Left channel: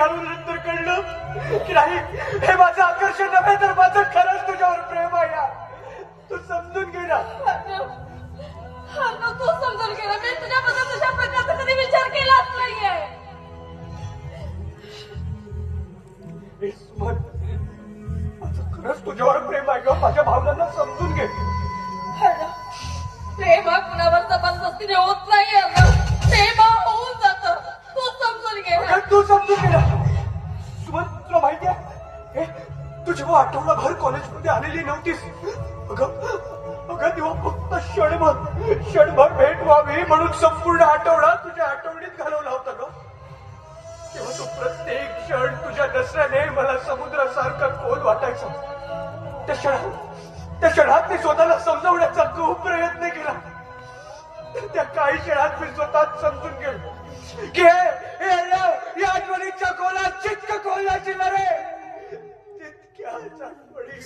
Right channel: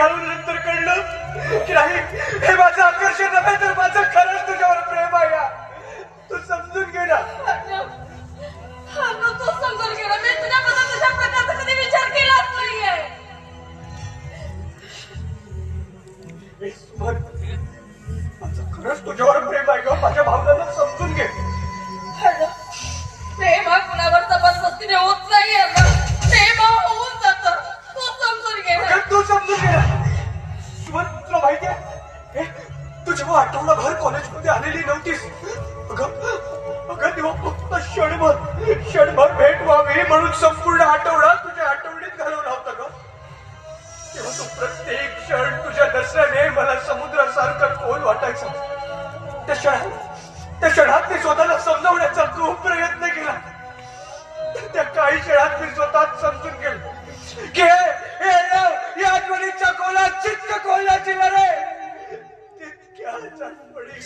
घालून नंतर कळलं की नाही, हे माझं आकर्षण नव्हे तर माझं खरंच तुझ्यावर प्रेम आहे. तू समजून घे ना. तू समजून घे ना. मी तुझ्याबद्दल तुझ्या प्रकारचा कधी विचार केलाच नाहीये. माझं खरंच तुझ्यावर प्रेम आहे ग. माझ्या भावनांना समजून घे. प्रेम हा कुणावर जबरदस्तीने होत नाहीये ना. प्रेम हा होऊन जातं. तू समजून घे ना. तू समजून घे ना. तुला माहिती आहे, तू जेव्हा आठवडाभर कॉलेजमध्ये आलेली नव्हतीस, अगं तेव्हा फक्त क्षणभर भेट व्हावी म्हणून संपूर्ण आठवडा तुझ्या आठवणीत घालवला होता ग. तेव्हा तो प्रत्येक क्षण तुझ्या दसऱ्याने मला समुद्रासारखं खोल वाटायचा. त्या क्षणात मी स्वतःला समजवण्याचा खूप प्रयत्न केला. त्या काही क्षणात मी स्वतः समजून गेलो की या आठवणीच्या खोलात चित्त खोलाची लढाई तितक्याच आठवणी